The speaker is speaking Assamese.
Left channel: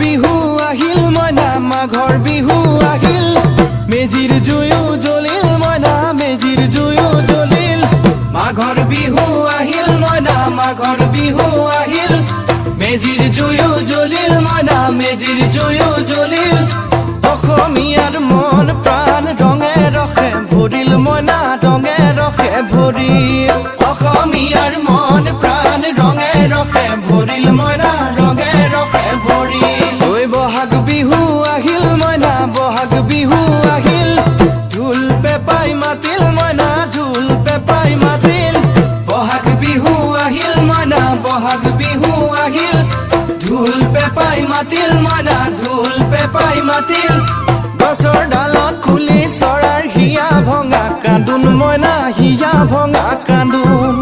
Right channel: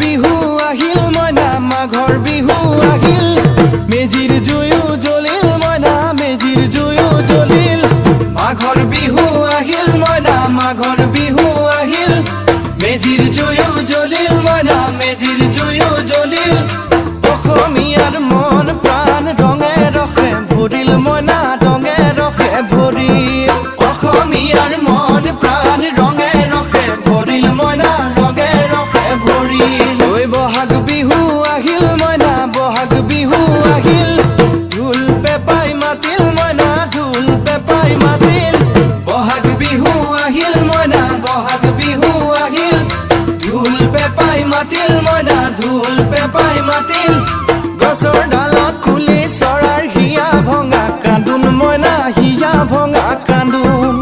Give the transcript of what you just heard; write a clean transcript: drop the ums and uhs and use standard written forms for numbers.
বিহু আহিল মইনা মাঘৰ বিহু আহিল মেজিৰ জুয়ো জ্বলিল মইনা মেজিৰ জুয়ো জ্বলিল মাঘৰ বিহু আহিল মইনা মাঘৰ বিহু আহিল মেজিৰ জুয়ো জ্বলিল মইনা মেজিৰ জুয়ো জ্বলিল অসমীয়াৰ মন প্ৰাণ ৰঙে ৰখে ভৰিল মইনা ৰঙে ৰখে ভৰিল অসমীয়াৰ মন প্ৰাণ ৰঙে ৰখে ভৰিল মইনা ৰঙে ৰখে ভৰিল ঐ বহাগ বিহু আহিল মইনা বহাগ বিহু আহিল ঢোল পেপাই মাতিল মইনা ঢোল পেপাই মাতিল বহাগ বিহু আহিল মইনা বহাগ বিহু আহিল ঢোল পেপাই মাতিল মইনা ঢোল পেপাই মাতিল গছৰ ডালত খুলি চৰাৰ হিয়া ভঙা কান্দোন মইনা হিয়া ভঙা কান্দোন